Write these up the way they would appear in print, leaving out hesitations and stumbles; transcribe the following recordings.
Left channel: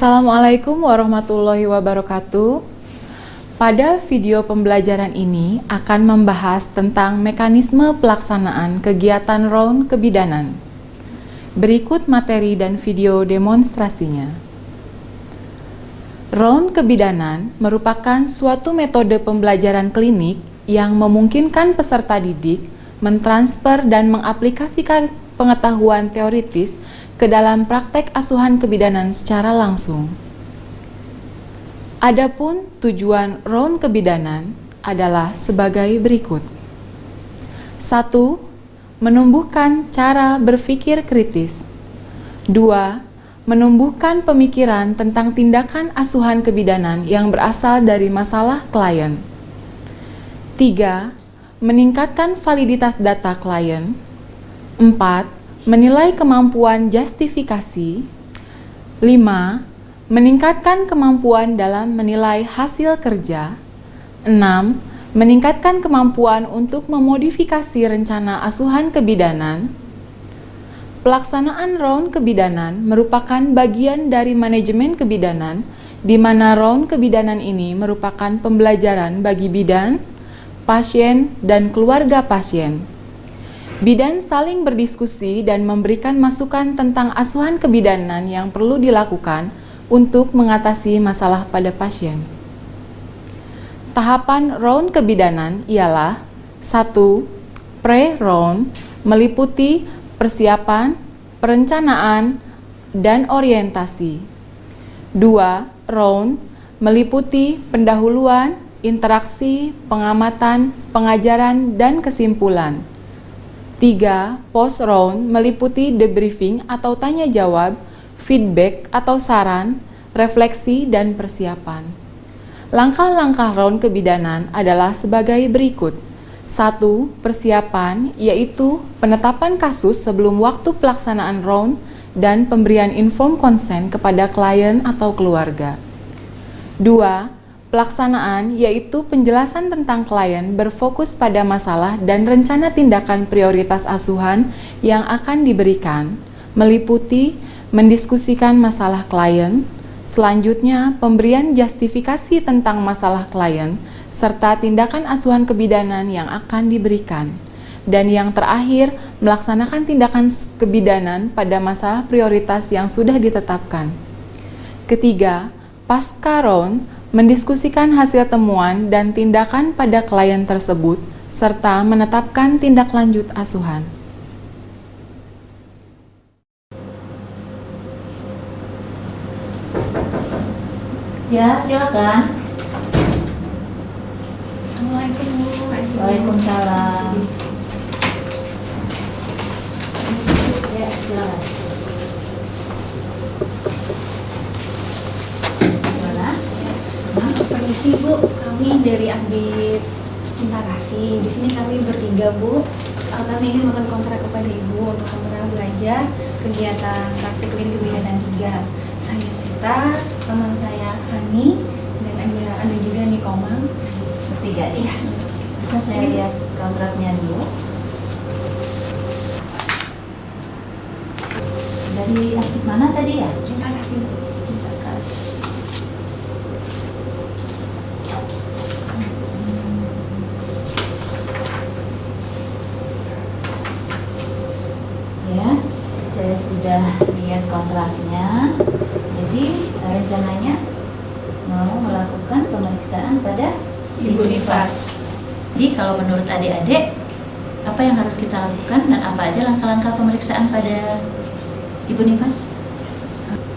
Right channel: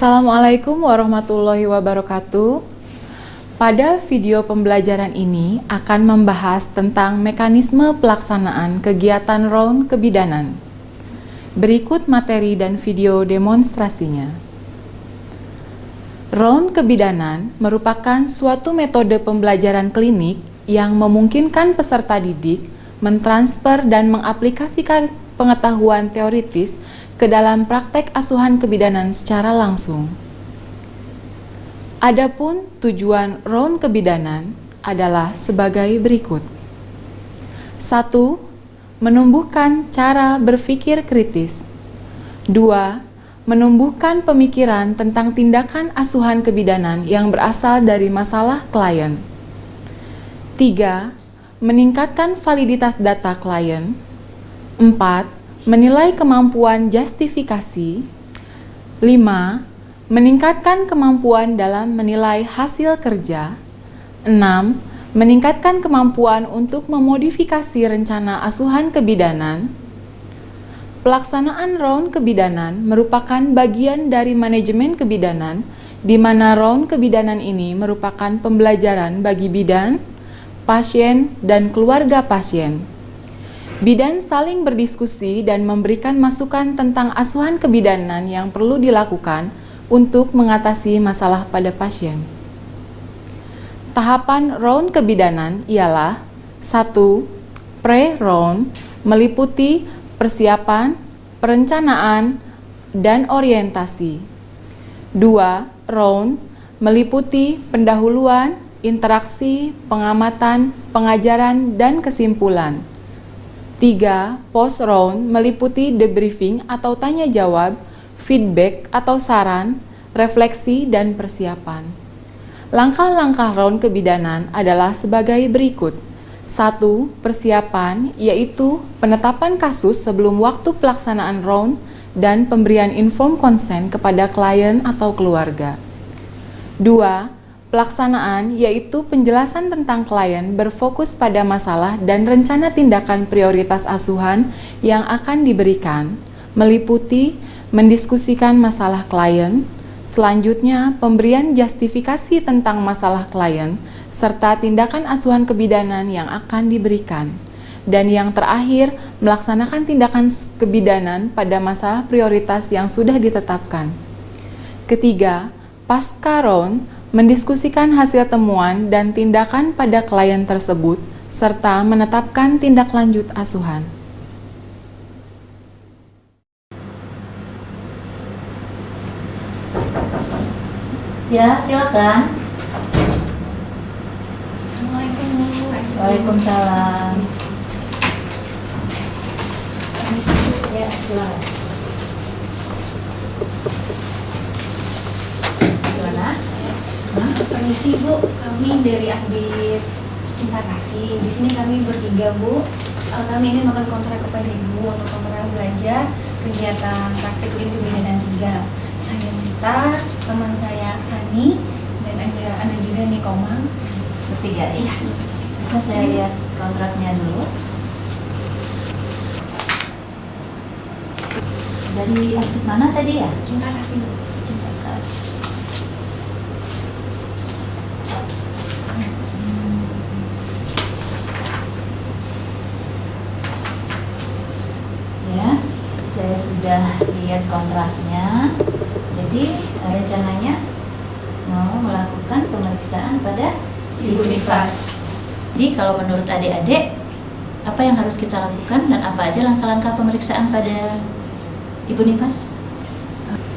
Assalamualaikum warahmatullahi wabarakatuh. Pada video pembelajaran ini akan membahas tentang mekanisme pelaksanaan kegiatan round kebidanan. Berikut materi dan video demonstrasinya. Round kebidanan merupakan suatu metode pembelajaran klinik yang memungkinkan peserta didik mentransfer dan mengaplikasikan pengetahuan teoritis ke dalam praktek asuhan kebidanan secara langsung. Adapun tujuan round kebidanan adalah sebagai berikut. 1. Menumbuhkan cara berpikir kritis. 2. Menumbuhkan pemikiran tentang tindakan asuhan kebidanan yang berasal dari masalah klien. 3. Meningkatkan validitas data klien. 4. Menilai kemampuan justifikasi. 5. Meningkatkan kemampuan dalam menilai hasil kerja. 6. Meningkatkan kemampuan untuk memodifikasi rencana asuhan kebidanan. Pelaksanaan round kebidanan merupakan bagian dari manajemen kebidanan, di mana round kebidanan ini merupakan pembelajaran bagi bidan, pasien, dan keluarga pasien. Bidan saling berdiskusi dan memberikan masukan tentang asuhan kebidanan yang perlu dilakukan untuk mengatasi masalah pada pasien. Tahapan round kebidanan ialah 1. Pre-round meliputi persiapan, perencanaan, dan orientasi. 2. Round meliputi pendahuluan, interaksi, pengamatan, pengajaran, dan kesimpulan. 3. Post-round meliputi debriefing atau tanya jawab, feedback atau saran, refleksi, dan persiapan. Langkah-langkah round kebidanan adalah sebagai berikut. 1. Persiapan, yaitu penetapan kasus sebelum waktu pelaksanaan round dan pemberian informed consent kepada klien atau keluarga. 2. Pelaksanaan, yaitu penjelasan tentang klien berfokus pada masalah dan rencana tindakan prioritas asuhan yang akan diberikan, meliputi mendiskusikan masalah klien, selanjutnya pemberian justifikasi tentang masalah klien, serta tindakan asuhan kebidanan yang akan diberikan. Dan yang terakhir, melaksanakan tindakan kebidanan pada masalah prioritas yang sudah ditetapkan. Ketiga, pasca round, mendiskusikan hasil temuan dan tindakan pada klien tersebut, serta menetapkan tindak lanjut asuhan. Ya, silakan. Assalamualaikum Bu. Waalaikumsalam. Ya, silakan. Permisi Bu, kami dari Ambit Cinta Kasih. Di sini kami bertiga Bu. Kami ingin melakukan kontrak kepada Ibu untuk kontrak belajar kegiatan praktik klinik kebidanan 3. Saya Tita, teman saya Hani, dan ada juga Nikomang. Bertiga. Iya. Bisa saya lihat kontraknya dulu. Dari aktif mana tadi ya? Cinta Kasih Bu. Cinta Kasih. Ya, saya sudah lihat kontraknya. Jadi rencananya mau melakukan pemeriksaan pada Ibu Nifas. Jadi kalau menurut adik-adik, apa yang harus kita lakukan dan apa aja langkah-langkah pemeriksaan pada Ibu Nifas?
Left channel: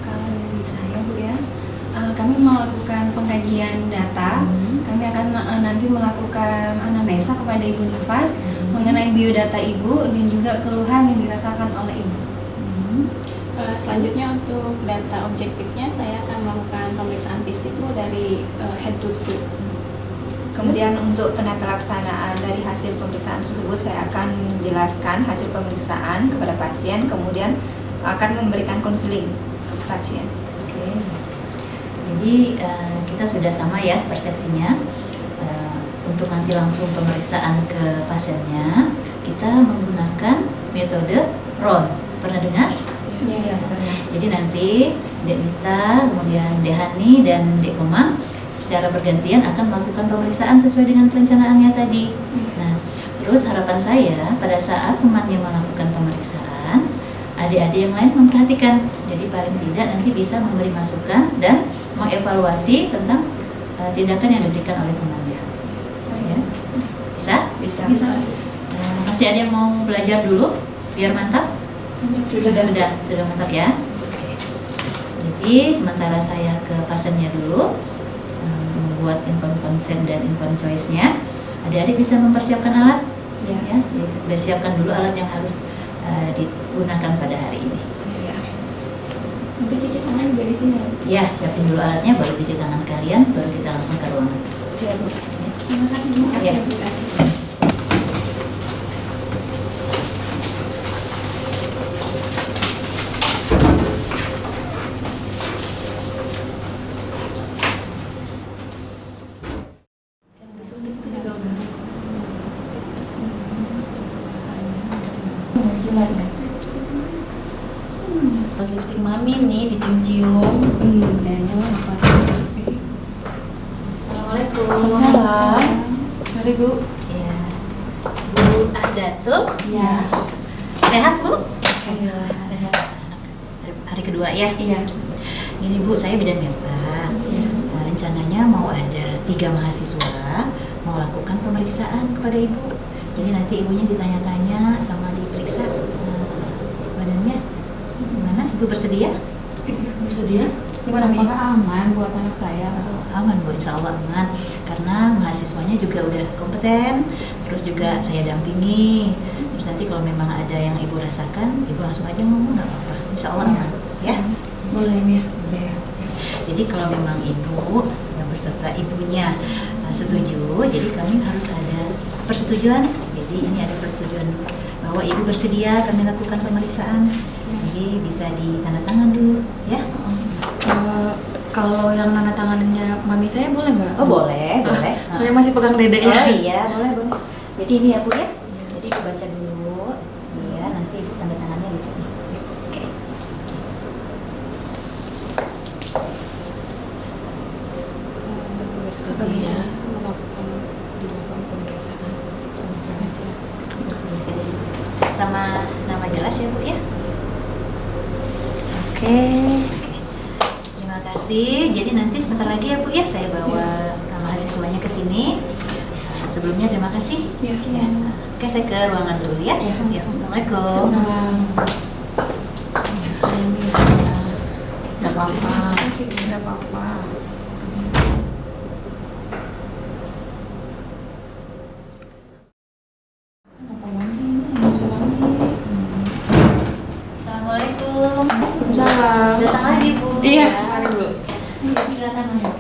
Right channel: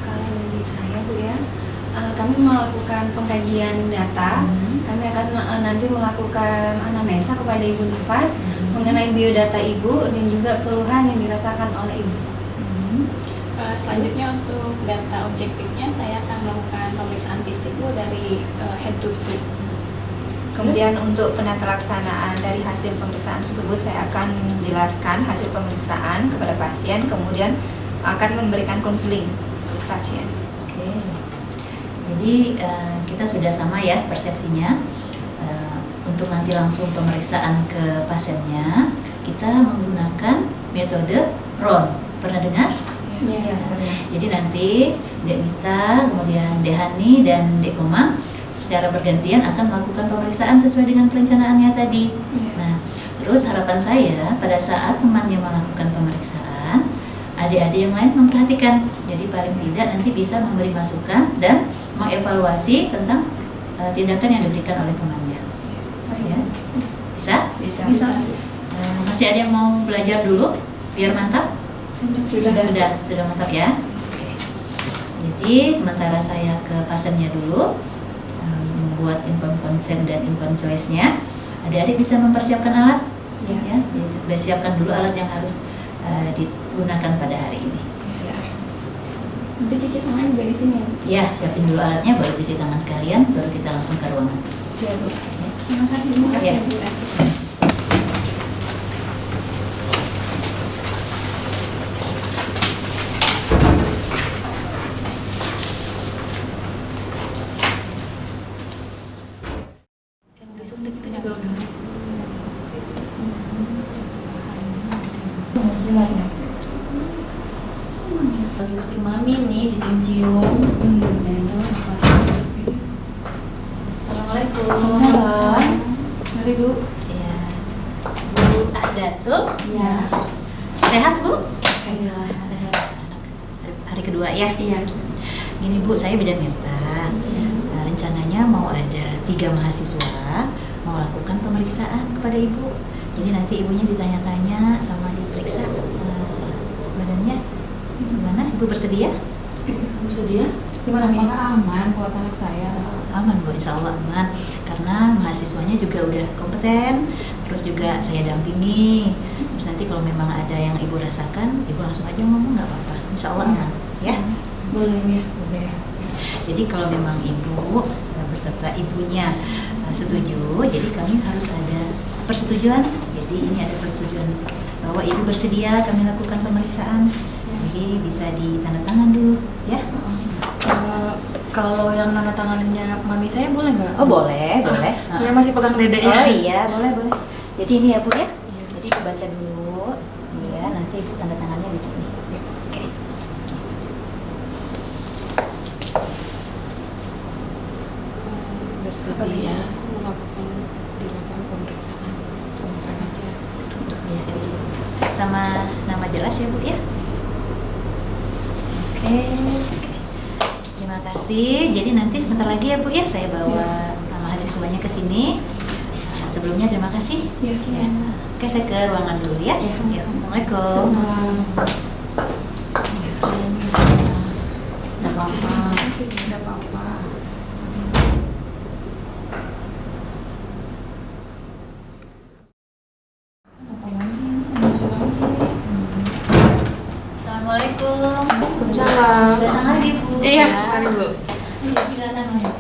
Kalau dari saya Bu ya, kami melakukan pengkajian data. Kami akan nanti melakukan anamnesa kepada Ibu Nifas mengenai biodata Ibu dan juga keluhan yang dirasakan oleh Ibu. Selanjutnya untuk data objektifnya saya akan melakukan pemeriksaan fisik Bu dari head to toe. Kemudian untuk penata laksanaan dari hasil pemeriksaan tersebut saya akan menjelaskan hasil pemeriksaan kepada pasien, kemudian akan memberikan konseling ke pasien. Oke. Jadi kita sudah sama ya persepsinya. Untuk nanti langsung pemeriksaan ke pasiennya, kita menggunakan metode RON. Pernah dengar? Ya. Jadi nanti Dek Mita, kemudian Dek Hani dan Dek Komang secara bergantian akan melakukan pemeriksaan sesuai dengan perencanaannya tadi. Nah, terus harapan saya pada saat temannya melakukan pemeriksaan, adik-adik yang lain memperhatikan. Jadi paling tidak nanti bisa memberi masukan dan mengevaluasi tentang tindakan yang diberikan oleh temannya. Ya. Bisa? Bisa. Masih ada yang mau belajar dulu biar mantap? Sudah mantap ya. Oke. Jadi sementara saya ke pasiennya dulu membuat informed consent dan informed choice-nya, adik-adik bisa mempersiapkan alat. Ya. Jadi siapkan dulu alat yang harus digunakan pada hari ini. Nanti cuci tangan juga di sini. Ya, siapin dulu alatnya, baru cuci tangan sekalian, baru kita langsung ke ruangan. Iya, Bu. Terima kasih, Bu. Ya. Lipstik mami nih dicium-cium. Kayaknya mah apa? Assalamualaikum. Waalaikumsalam. Mari Bu. Ya. Bu Ahdatul. Ya. Sehat, Bu? Alhamdulillah sehat. Hari kedua ya? Iya. Gini Bu, saya bidan Mirta. Rencananya mau ada 3 mahasiswa mau lakukan pemeriksaan kepada Ibu. Jadi nanti ibunya ditanya-tanya sama diperiksa badannya. Gimana? Ibu bersedia? Bersedia? Gimana Mi? Apakah aman buat anak saya? Aman Bu, insya Allah aman. Karena mahasiswanya juga udah kompeten. Terus juga saya dampingi. Terus nanti kalau memang ada yang Ibu rasakan, Ibu langsung aja ngomong, nggak apa-apa. Insya Allah aman. Ya? Boleh Mi. Jadi kalau memang Ibu yang beserta ibunya setuju, jadi kami harus ada persetujuan. Jadi ini ada persetujuan bahwa Ibu bersedia kami lakukan pemeriksaan. Jadi bisa ditandatangan dulu, ya? Kalau yang nana tangannya mami saya boleh nggak? Oh boleh, boleh. Saya masih pegang dedeknya. Oh iya, boleh, boleh. Jadi ini ya Bu ya. Jadi Ibu baca dulu, ya. Nanti Ibu tanda tangannya di sini. Oke. Bersedia Melakukan pemeriksaan. Ya, di situ. Sama nama jelas ya Bu ya. Oke. Terima kasih. Jadi nanti sebentar lagi ya Bu ya, saya bawa mahasiswanya ke sini. Sebelumnya terima kasih. Ya. Ya. Oke, saya ke ruangan dulu ya. Ya. Assalamualaikum. Nggak apa-apa. Nggak apa-apa. Assalamualaikum. Waalaikumsalam. Datang lagi Bu. Iya, mari Bu. Silakan masuk.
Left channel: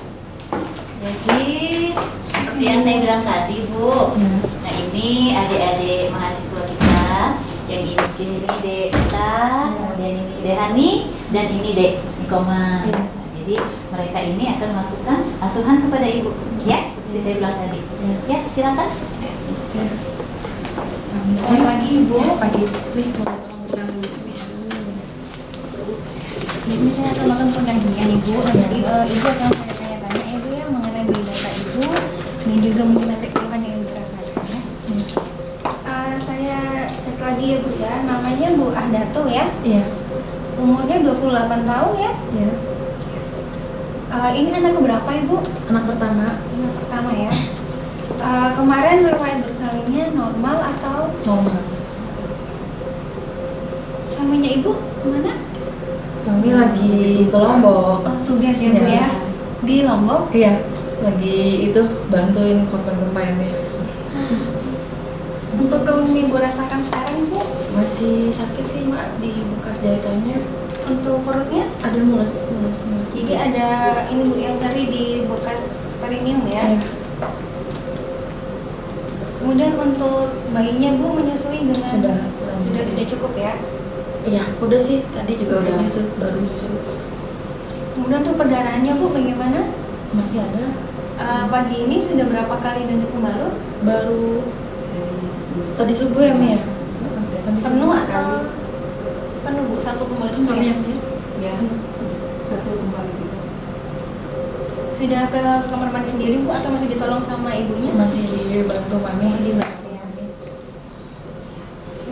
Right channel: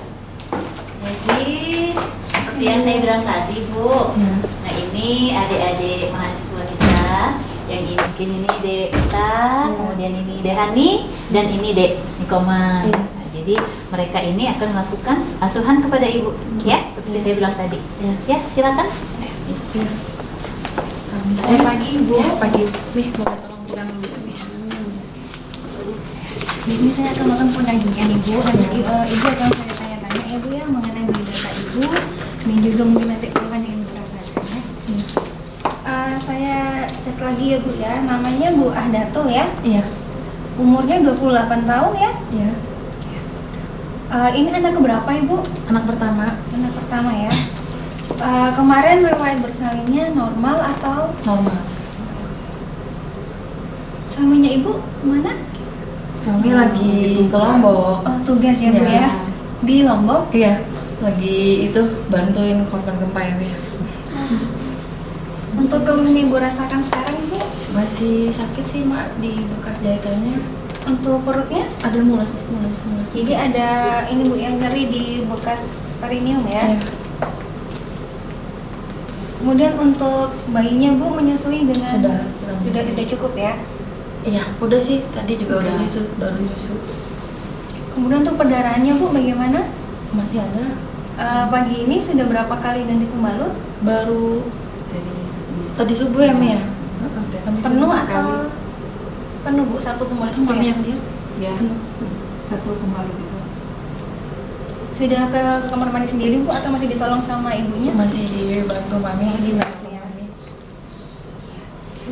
Jadi seperti yang saya bilang tadi Bu. Nah ini adik-adik mahasiswa kita. Yang ini Dek Mita, kemudian ini Dek Hani, dan ini Dek Nikoma. Nah, jadi mereka ini akan melakukan asuhan kepada Ibu, ya seperti saya bilang tadi. Ya silakan. Selamat pagi Ibu. Pagi. Nih, boleh tolong Di sini saya akan melakukan pendampingan Ibu. Nanti Ibu akan saya tanya-tanya Ibu ya mengenai biodata Ibu dan juga mungkin nanti keluhan yang dirasakan ya. Saya cek lagi ya Bu ya. Namanya Bu Ahdatul ya. Iya. Umurnya 28 tahun ya. Iya. Ini anak keberapa Ibu? Anak pertama. Anak pertama ya. Kemarin riwayat bersalinnya normal atau Normal. suaminya Ibu kemana? Suami lagi ke Lombok. Oh, tugas ya Bu Iya. ya. Di Lombok. Iya, lagi itu bantuin korban gempa yang dia. Untuk keluhan yang Ibu rasakan sekarang Ibu, Masih sakit sih Mak di bekas jahitannya. untuk perutnya, Ada mulus. jadi ada ini Bu yang nyeri di bekas perineum ya. Iya. Kemudian untuk bayinya Bu menyusui dengan Sudah kurang sudah menyusui. cukup ya. Iya, udah sih. Tadi juga udah nyusu, baru nyusu. Kemudian untuk perdarahannya Bu bagaimana? Masih ada. Pagi ini sudah berapa kali ganti pembalut? Baru tadi subuh ya Mi ya? Tadi Penuh subuh. atau penuh Bu satu pembalut Kami ya? yang dia. ya. Satu kembali gitu. Sudah ke kamar mandi sendiri Bu atau masih ditolong sama ibunya? Masih dibantu mami. Dibantu ya.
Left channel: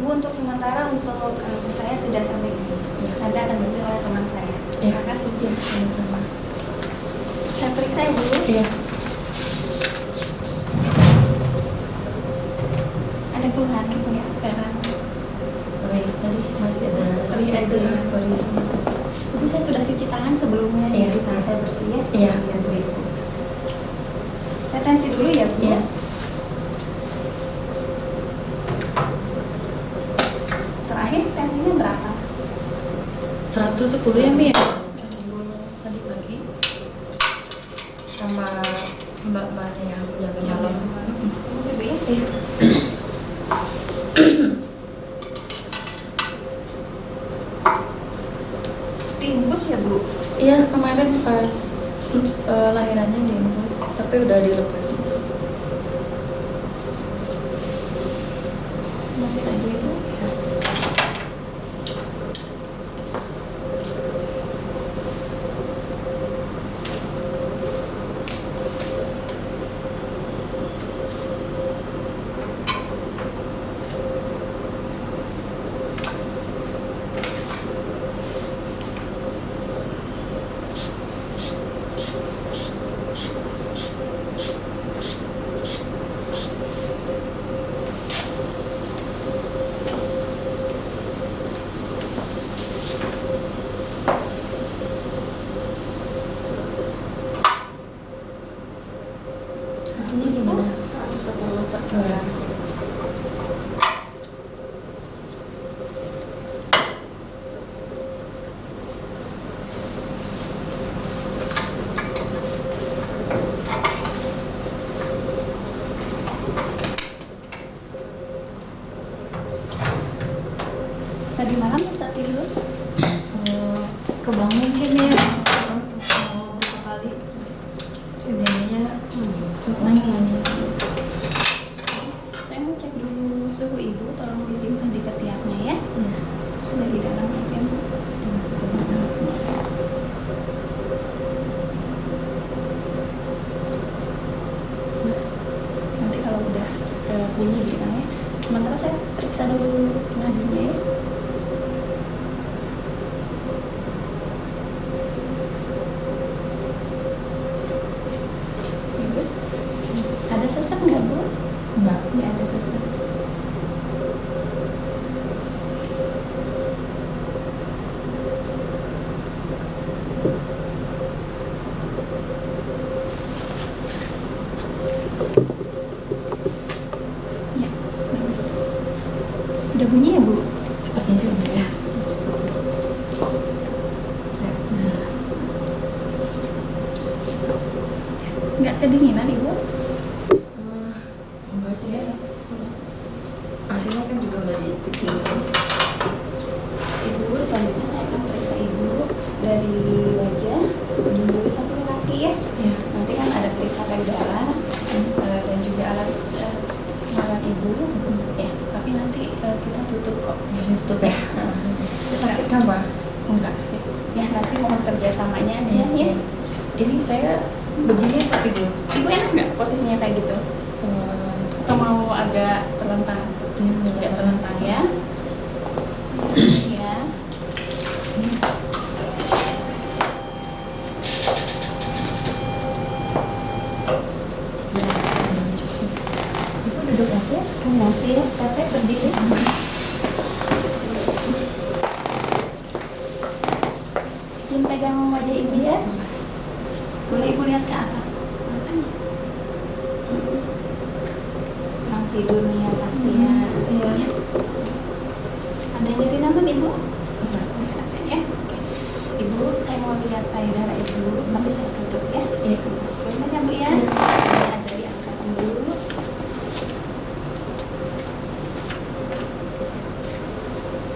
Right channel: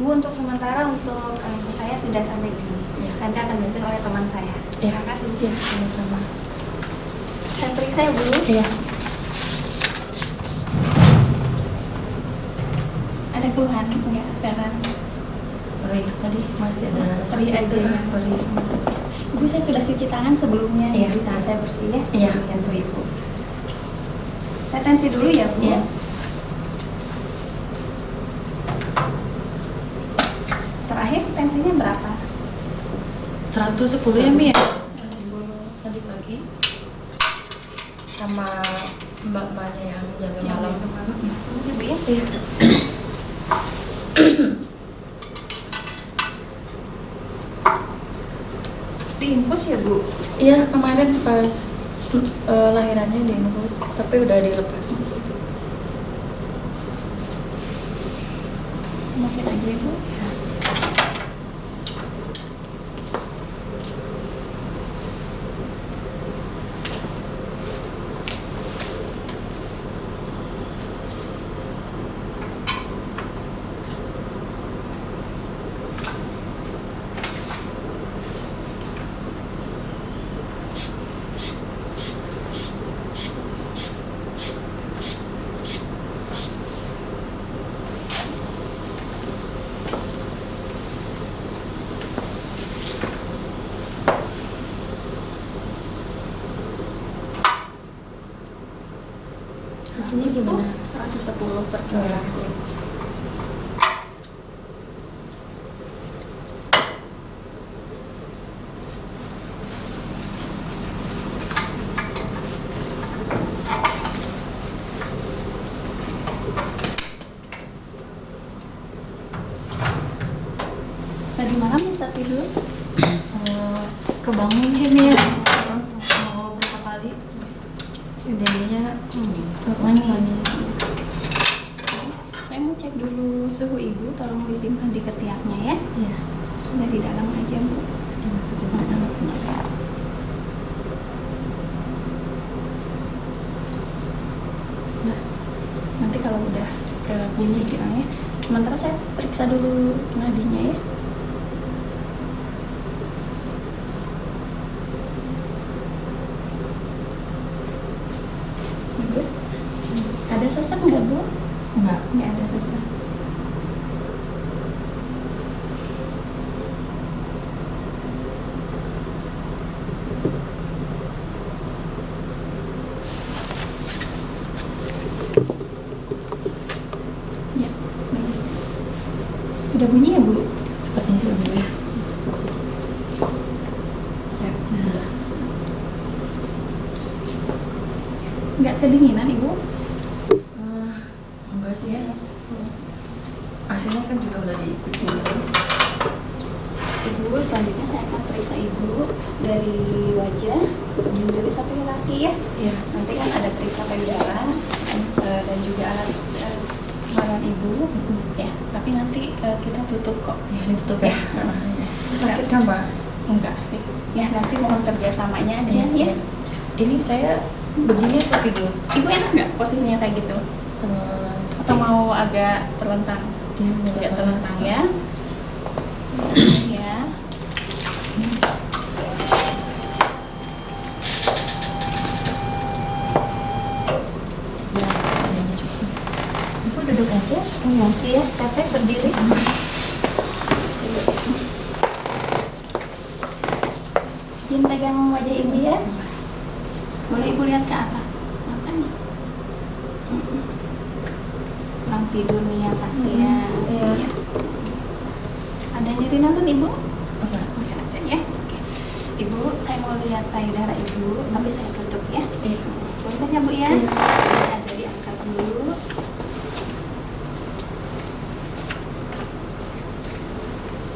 Ibu untuk sementara untuk saya sudah sampai di sini. Ya. Nanti akan dibantu oleh teman saya. Ya. Terima kasih. Ya, sama-sama. Saya periksa ya Bu. Iya. Ada keluhan ya sekarang. Oke, itu tadi masih ada Perih sakit aja ya. perih sama sakit. Ibu saya sudah cuci tangan sebelumnya, Iya. jadi tangan saya bersih ya. Iya. Bu Ibu. Saya tensi dulu ya Bu. Iya. Terakhir tensinya berapa? 110 ya Mi ya? 110 tadi pagi sama mbak-mbaknya yang jaga malam. Ibu ya. Iya. Diinfus ya Bu? Iya, kemarin pas lahirannya diinfus, tapi udah dilepas. Masih aja ya Bu? Hasilnya gimana? 110 per kilogram. Tadi malam bisa tidur? Kebangun sih Mi ya. Mau berapa kali? Sejadinya nanya. Saya mau cek dulu suhu Ibu, tolong disimpan di ketiaknya ya. Iya. Sudah di dalam aja Bu. Nanti kalau udah bunyi bilangnya. Sementara saya periksa dulu nadinya ya. Bagus. Ada sesak nggak Bu? Enggak. Ya ada sesak. Ya, bagus. Udah bunyi ya Bu? Sepertinya sih enggak ya. Nggak kedinginan Ibu? Enggak sih ya. Hasilnya kan juga udah dipikirin. Ibu, selanjutnya saya akan periksa Ibu dari wajah, dulu sampai kaki ya. Iya. Nanti kan ada periksa payudara dan juga alat kemaluan Ibu. Ya, tapi nanti kita tutup kok. Ya, ditutup ya. Sakit kan, Pak? Enggak sih. Ya, nanti mohon kerjasamanya aja ya. Ini saya begini apa tidur? Ibu enak nggak posisinya kayak gitu? Atau mau agak terlentang? Iya, Agak terlentang ya. Ya. Ibu duduk aja. Nanti ya, capek berdiri. Izin pegang wajah Ibu ya. Boleh Ibu lihat ke atas. Matanya. Kurang tidur nih ya pastinya. Iya. Ya. Ada yang jadi nonton Ibu? Enggak. Nggak ada ya. Oke. Ibu, saya mau lihat payudara Ibu, tapi saya tutup ya. Iya. Gimana ya Bu ya? Ini ada diangkat dulu.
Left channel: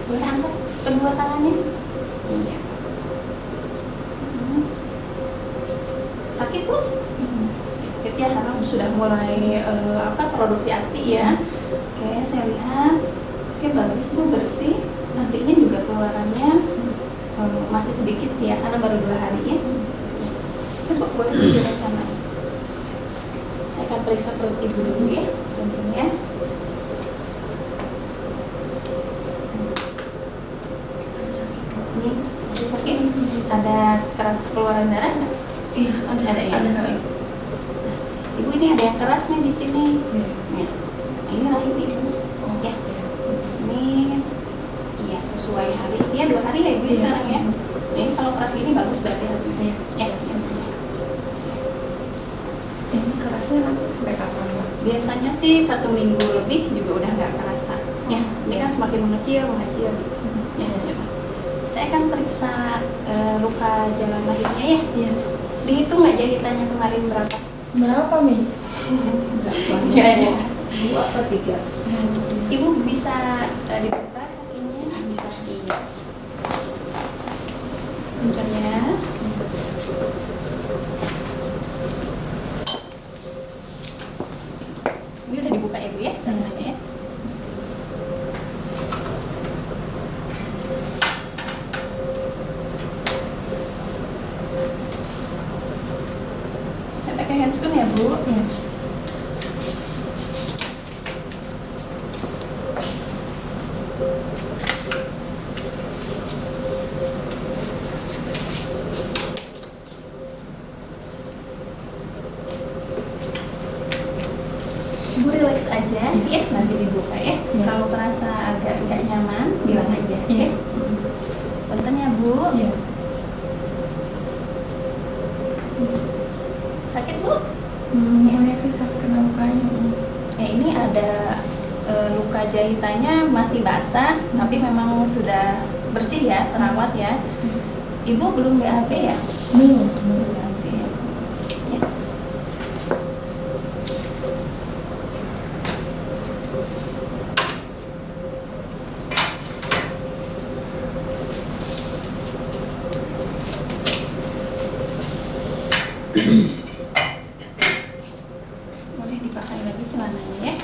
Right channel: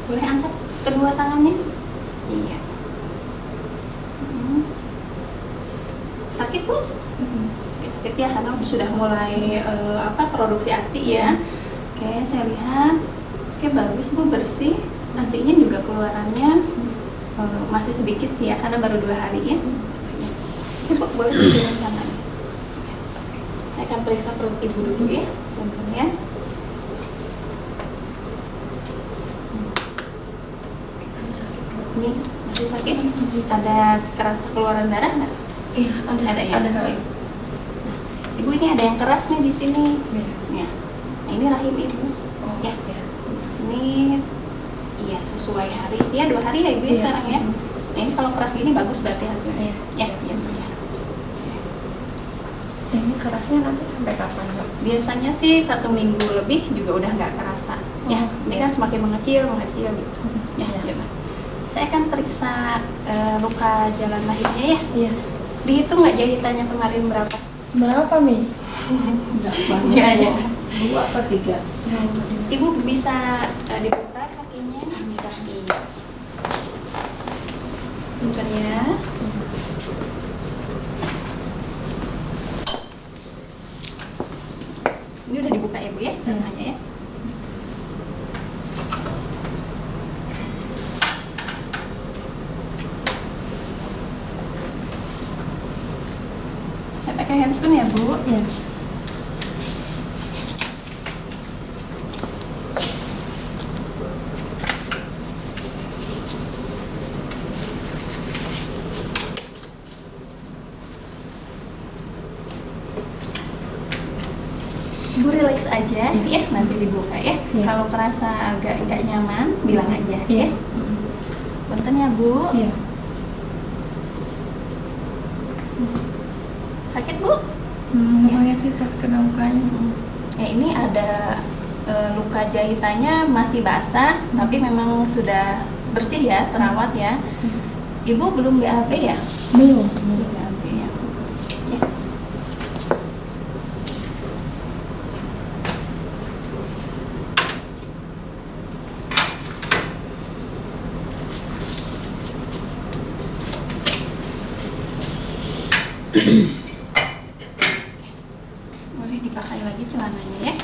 Boleh angkat kedua tangannya? Iya. Hmm. Sakit Bu? Sakit ya karena sudah mulai produksi ASI ya. Oke, saya lihat. Oke, bagus Bu, bersih. Nasinya juga keluarannya masih sedikit ya karena baru 2 hari ya. Ya. Coba boleh dijelaskan lagi. Saya akan periksa perut ibu dulu ya, tentunya. Ini masih sakit? Ada keras keluaran darah nggak? Iya, Ada ya? ada. Nah, ibu ini ada yang keras nih di sini. Iya. Ya. Nah, ini rahim ibu. Oh, Ya. iya. Ini iya sesuai hari sih ya 2 hari ya ibu Iya. sekarang ya. Ini kalau keras ini bagus berarti hasilnya. Iya. Ya. Ini kerasnya nanti sampai kapan, Mbak? Biasanya sih 1 minggu lebih juga udah nggak kerasa. Ya, ini iya. kan semakin mengecil. Ya, ya. Saya akan periksa luka jalan lahirnya ya. Iya. Dihitung nggak jahitannya kemarin berapa? Berapa, Mi? Ya, ya. 2 atau 3? Ibu bisa dibuka kakinya? Bisa. Iya. Kencangnya. Ini udah dibuka ya Bu ya? Tangannya ya. Saya pakai handscoon ya Bu? Iya. Ibu relax aja ya, nanti dibuka ya. Iya. Kalau kerasa agak nggak nyaman, bilang aja Iya. ya. Punten ya Bu. Iya. Sakit Bu? Mulai sih pas kena lukanya. Ya ini ada luka jahitannya masih basah, tapi memang sudah bersih ya, terawat ya. Ibu belum BAB ya? Belum. Belum BAB ya. Ya. Boleh dipakai lagi celananya ya.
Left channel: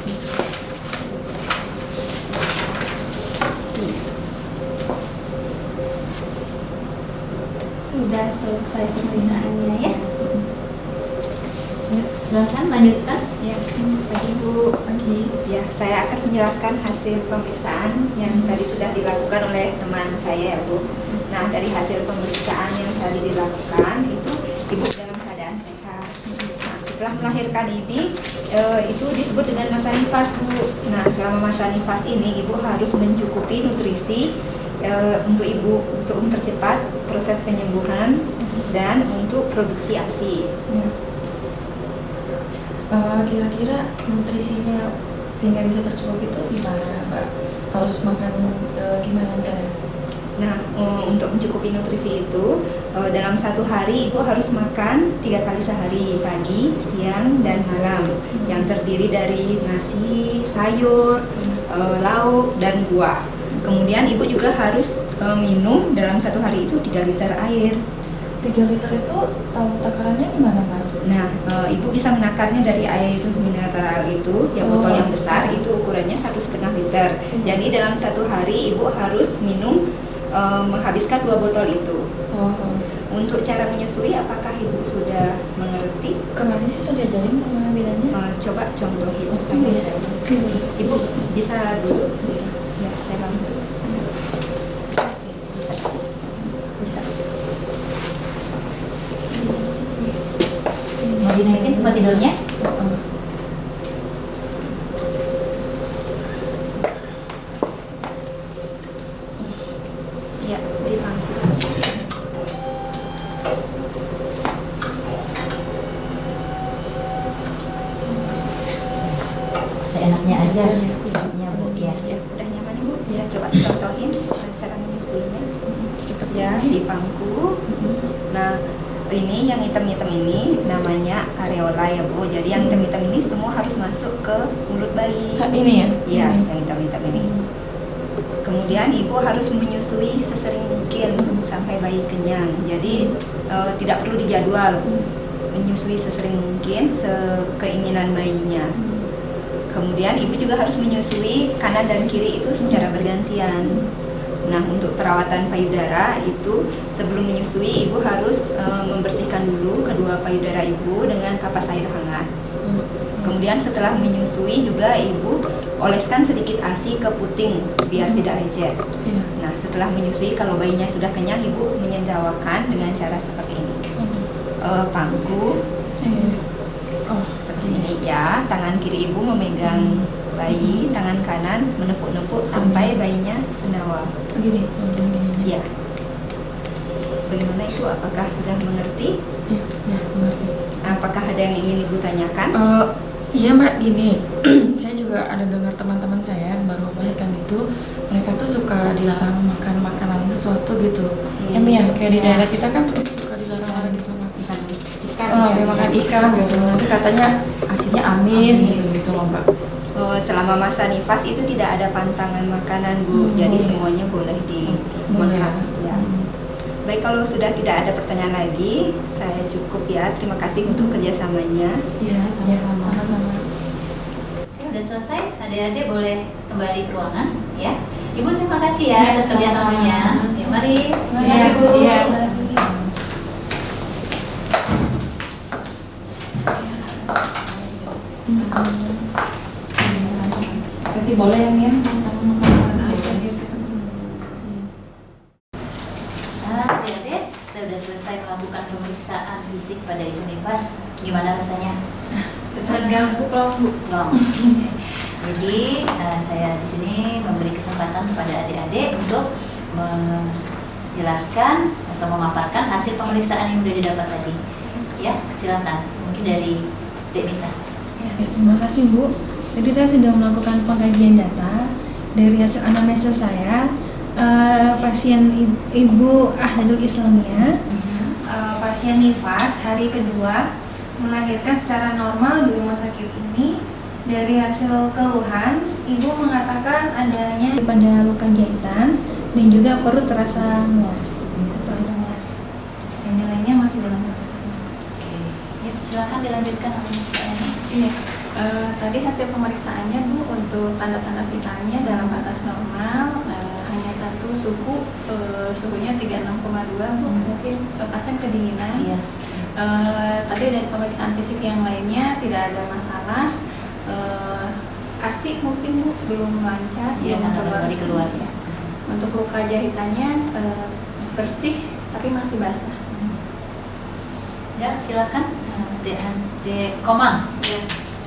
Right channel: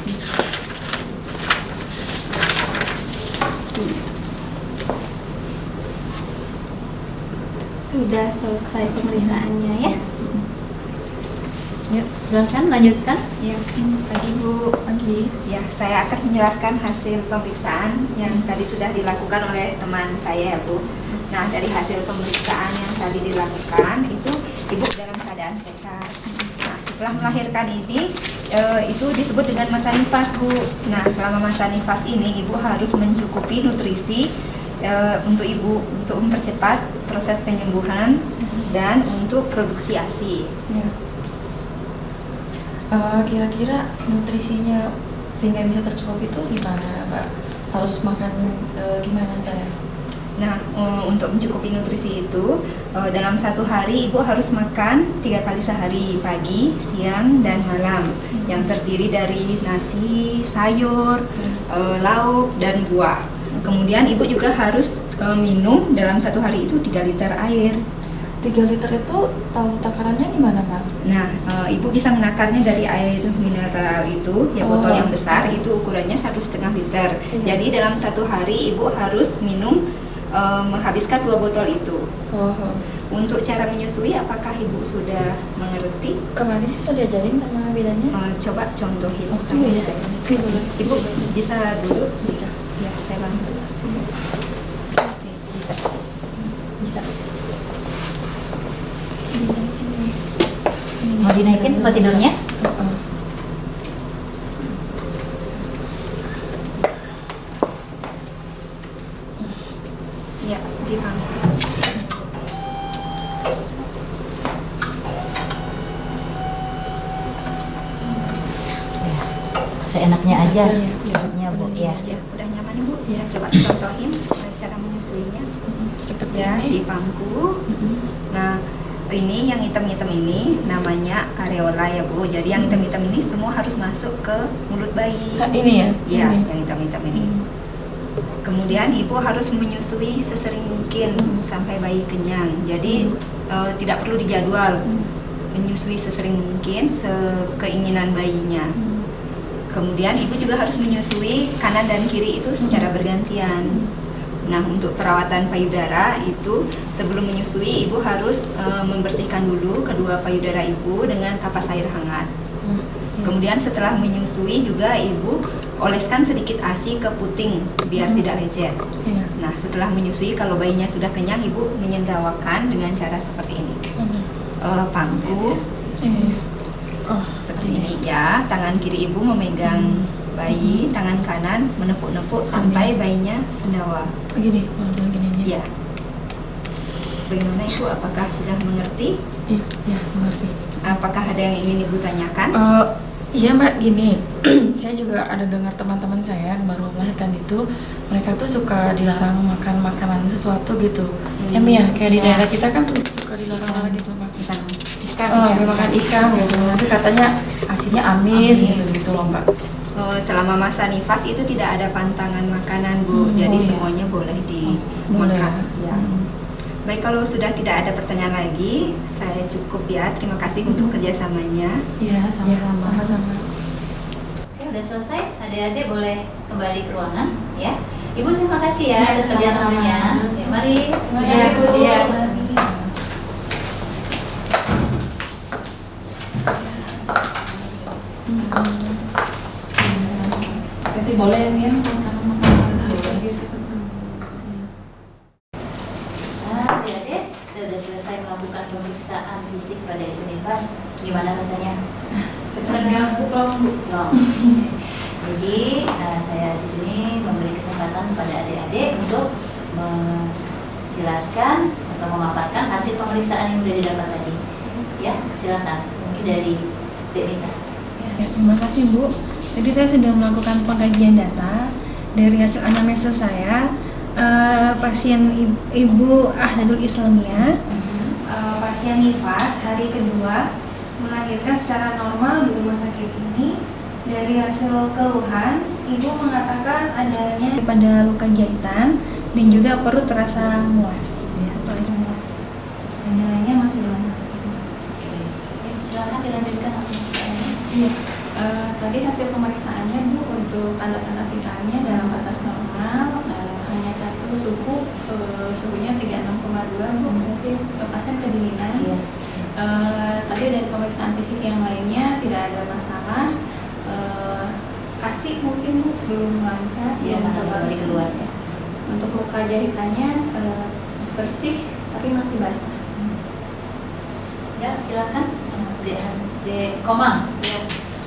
Sudah selesai pemeriksaannya ya. Silakan lanjutkan. Ya, pagi Bu. Pagi. Ya, saya akan menjelaskan hasil pemeriksaan yang tadi sudah dilakukan oleh teman saya ya Bu. Nah, dari hasil pemeriksaan yang tadi dilakukan itu Ibu dalam keadaan sehat. Nah, setelah melahirkan ini itu disebut dengan masa nifas Bu. Nah, selama masa nifas ini Ibu harus mencukupi nutrisi untuk Ibu untuk mempercepat proses penyembuhan dan untuk produksi ASI. Ya. Kira-kira nutrisinya sehingga bisa tercukupi itu gimana, Mbak? Harus makan gimana saya? Nah, untuk mencukupi nutrisi itu dalam 1 hari Ibu harus makan 3 kali sehari, pagi, siang, dan malam, yang terdiri dari nasi, sayur, lauk, dan buah. Kemudian Ibu juga harus minum dalam 1 hari itu 3 liter air. 3 liter itu tahu takarannya gimana, Mbak? Nah, Ibu bisa menakarnya dari air mineral itu, yang botol yang besar itu ukurannya 1,5 liter. Jadi dalam 1 hari Ibu harus minum menghabiskan 2 botol itu. Oh, Untuk cara menyusui, apakah Ibu sudah mengerti? kemarin sih sudah diajarin sama bidannya. Coba contohin sama Iya. saya. Ibu bisa dulu? Bisa. Ya, saya bantu. Mau dinaikin tempat tidurnya? Ya, di bangku. Seenaknya aja. Iya. Ya Bu ya. Ya, udah nyaman Ibu? Ya, coba contohin cara menyusuinya. Ya, di bangku. Nah, ini yang hitam-hitam ini namanya areola ya Bu. Jadi yang hitam-hitam ini semua harus masuk ke mulut bayi. Saat ini ya? Iya, Ini. yang hitam-hitam ini. Kemudian ibu harus menyusui sesering mungkin sampai bayi kenyang. Jadi tidak perlu dijadwal. Menyusui sesering mungkin sekeinginan bayinya. Kemudian ibu juga harus menyusui kanan dan kiri itu secara bergantian. Nah, untuk perawatan payudara itu sebelum menyusui ibu harus membersihkan dulu kedua payudara ibu dengan kapas air hangat. Kemudian setelah menyusui juga ibu oleskan sedikit ASI ke puting biar tidak lecet. Nah, setelah menyusui kalau bayinya sudah kenyang, ibu menyendawakan dengan cara seperti ini. Pangku seperti ini ya. Tangan kiri ibu memegang bayi, tangan kanan menepuk-nepuk sampai bayinya sendawa. Begini. Ya. Bagaimana itu? Apakah sudah mengerti? Ya, mengerti. Apakah ada yang ingin ibu tanyakan? Iya Mbak, gini, saya juga ada dengar teman-teman saya yang baru melahirkan itu, mereka tuh suka dilarang makan makanan sesuatu gitu. Ya Mi ya, kayak di daerah kita kan suka dilarang-larang gitu makan makan ikan gitu. Nanti katanya asinnya amis gitu loh Mbak. Selama masa nifas itu tidak ada pantangan makanan Bu, jadi semuanya boleh dimakan. Ya. Baik, kalau sudah tidak ada pertanyaan lagi, saya cukup ya. Terima kasih untuk kerjasamanya. Iya, sama-sama. Oke, udah selesai. Adik-adik boleh kembali ke ruangan ya. Ibu terima kasih ya atas kerjasamanya. Ya, mari. Iya, Bu. Iya. Berarti boleh ya Mi ya? Adik-adik, kita udah selesai melakukan pemeriksaan fisik pada ibu nifas. Gimana rasanya? Gabuk loh Bu. Belum. Jadi saya di sini memberi kesempatan kepada adik-adik untuk menjelaskan atau memaparkan hasil pemeriksaan yang sudah didapat tadi. Ya, silakan. Mungkin dari Dek Mita. Ya, terima kasih Bu. Jadi saya sudah melakukan pengkajian data dari hasil anamnesa saya. Pasien Ibu Ahdadul Islamia, pasien nifas hari kedua, melahirkan secara normal di rumah sakit ini. Dari hasil keluhan, ibu mengatakan adanya pada luka jahitan dan juga perut terasa muas atau muas. Dan yang lainnya masih dalam batas aman. Oke, ya, silakan dilanjutkan pemeriksaannya. Iya. Tadi hasil pemeriksaannya Bu, untuk tanda-tanda vitalnya dalam batas normal, hanya satu suhunya 36,2 Bu, mungkin pasien kedinginan. Iya. Tadi dari pemeriksaan fisik yang lainnya tidak ada masalah. ASI mungkin Bu belum lancar, Iya, belum baru keluar. Ya. Untuk luka jahitannya bersih tapi masih basah. Ya, silakan. Dek Komang. Ya.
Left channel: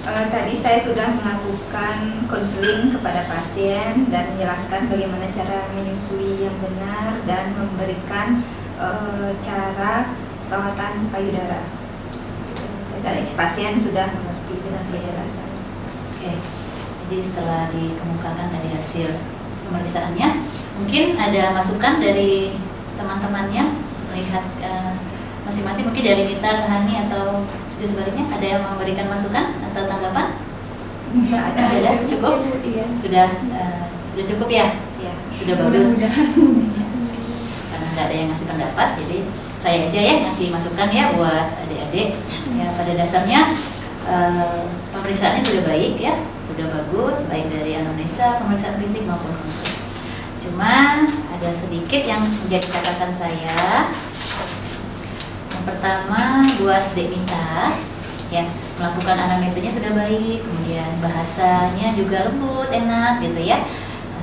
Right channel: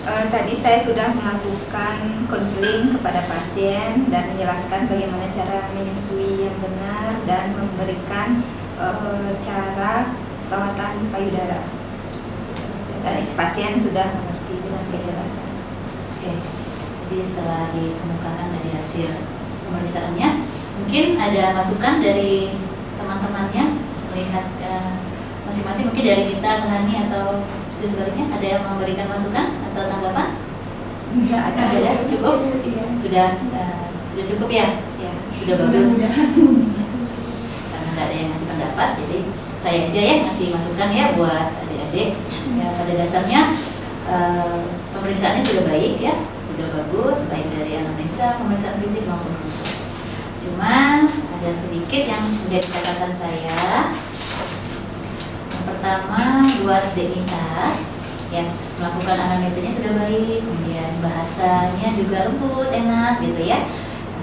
Tadi saya sudah melakukan konseling kepada pasien dan menjelaskan bagaimana cara menyusui yang benar dan memberikan cara perawatan payudara. Dan pasien sudah mengerti dengan penjelasan. Oke. Jadi setelah dikemukakan tadi hasil pemeriksaannya, mungkin ada masukan dari teman-temannya melihat masing-masing, mungkin dari Nita ke Hani atau juga sebaliknya, ada yang memberikan masukan atau tanggapan? Sudah cukup? Iya. Sudah cukup ya? Ya. Sudah bagus. Karena nggak ada yang ngasih pendapat, jadi saya aja ya ngasih masukan ya buat adik-adik. Ya, pada dasarnya pemeriksaannya sudah baik ya, sudah bagus, baik dari anamnesa, pemeriksaan fisik maupun konsul. Cuma ada sedikit yang menjadi catatan saya. Pertama, buat Dek Mita ya, melakukan anamnesanya sudah baik, kemudian bahasanya juga lembut, enak gitu ya.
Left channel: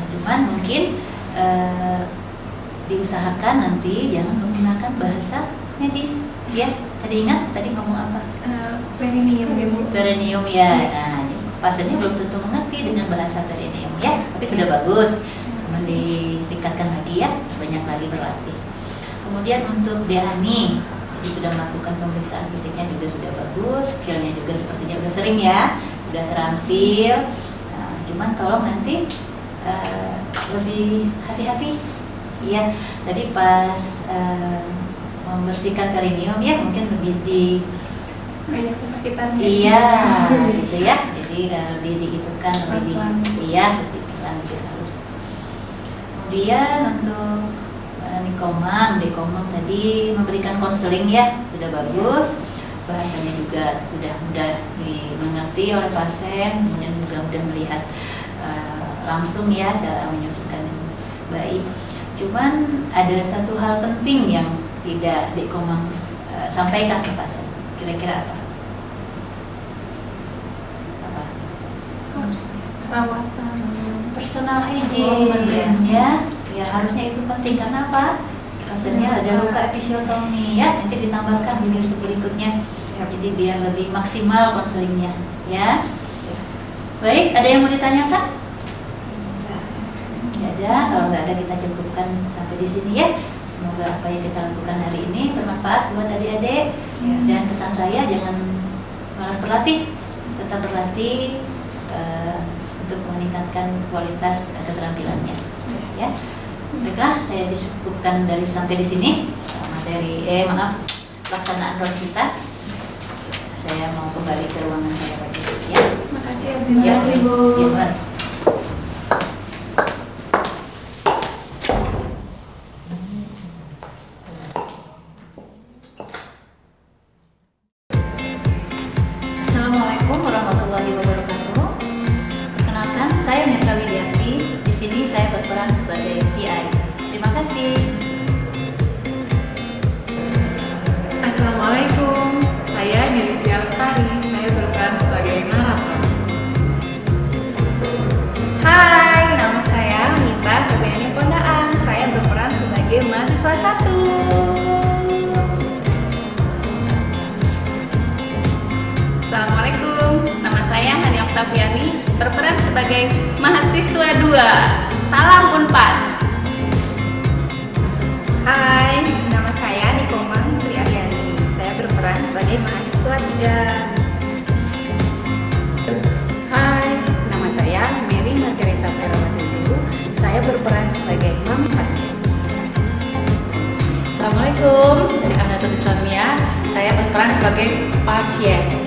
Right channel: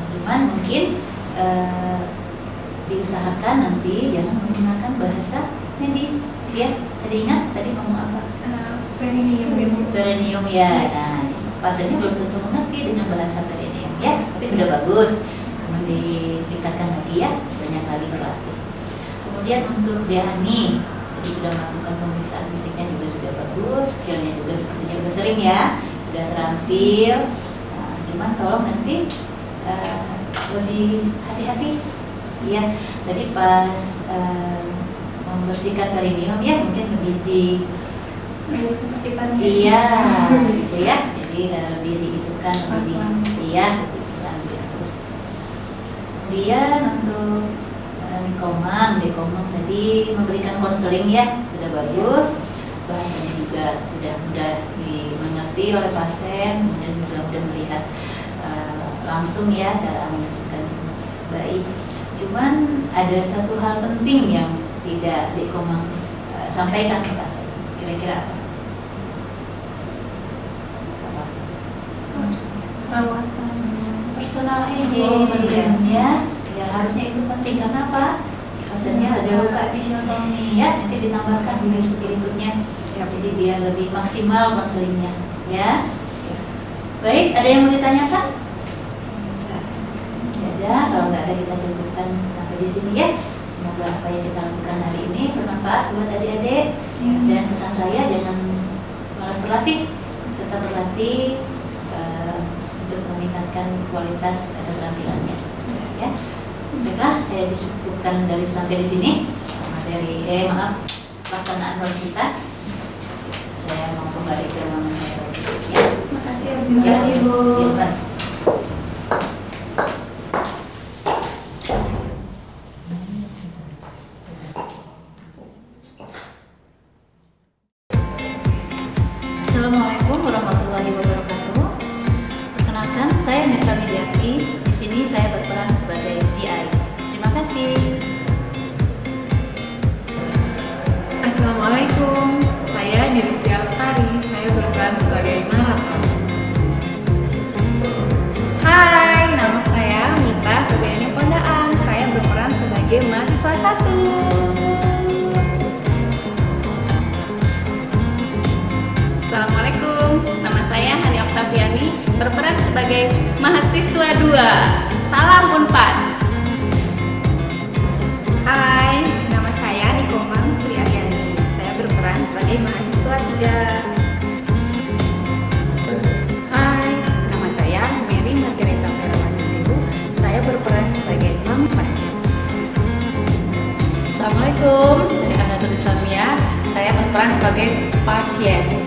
Cuman mungkin diusahakan nanti jangan menggunakan bahasa medis ya. Tadi ingat tadi ngomong apa? Perineum ya Bu. Perineum ya. Nah, pasiennya belum tentu mengerti dengan bahasa perineum ya, tapi sudah bagus. Cuma ditingkatkan lagi ya, banyak lagi berlatih. Kemudian untuk Dehani, sudah melakukan pemeriksaan fisiknya juga sudah bagus, skillnya juga sepertinya udah sering ya, sudah terampil. Cuman tolong nanti lebih hati-hati ya. Tadi pas membersihkan perineum ya, mungkin lebih Banyak kesakitan. iya gitu ya. Jadi lebih dihitungkan, lebih lebih lanjut harus. Kemudian untuk Dekomang tadi memberikan konseling ya, sudah bagus, bahasanya juga sudah mudah dimengerti oleh pasien, kemudian juga mudah melihat langsung ya cara menyusukan bayi. Cuman ada satu hal penting yang tidak Dek Komang sampaikan ke pasien. Kira-kira apa? Apa? Perawatan. Personal hygiene, ya harusnya itu penting. karena apa? Pasiennya ada luka episiotomi, ya nanti ditambahkan di berikutnya, jadi biar lebih maksimal konselingnya, ya. Baik, ada yang mau ditanyakan? Tidak ada. Kalau nggak ada kita cukupkan sampai di sini ya. Semoga apa yang kita lakukan hari ini bermanfaat buat adik-adik. Dan kesan saya jangan malas berlatih, tetap berlatih untuk meningkatkan kualitas keterampilannya. Ya, baiklah, saya cukupkan dari sampai di sini materi pelaksanaan ron kita. Saya mau kembali ke ruangan saya lagi. Ya, Makasih ya, Terima kasih, Bu. Ya, Mbak. Assalamualaikum warahmatullahi wabarakatuh. Perkenalkan, saya Mirta Widiarti. Di sini saya berperan sebagai CI. Terima kasih. Assalamualaikum, saya Nilistia Lestari, saya berperan sebagai narator. Hai, nama saya Mita Febriani Pondaang. Saya berperan sebagai mahasiswa 1. Assalamualaikum, nama saya Hani Oktaviani, berperan sebagai mahasiswa 2. Salam Unpad. Hai, nama saya Nikomang Sri Aryani. Saya berperan sebagai mahasiswa 3. Hai, nama saya Mary Margarita Perawati Sehu. Saya berperan sebagai mami pasien. Assalamualaikum, saya Anatul Islamia. Saya berperan sebagai pasien.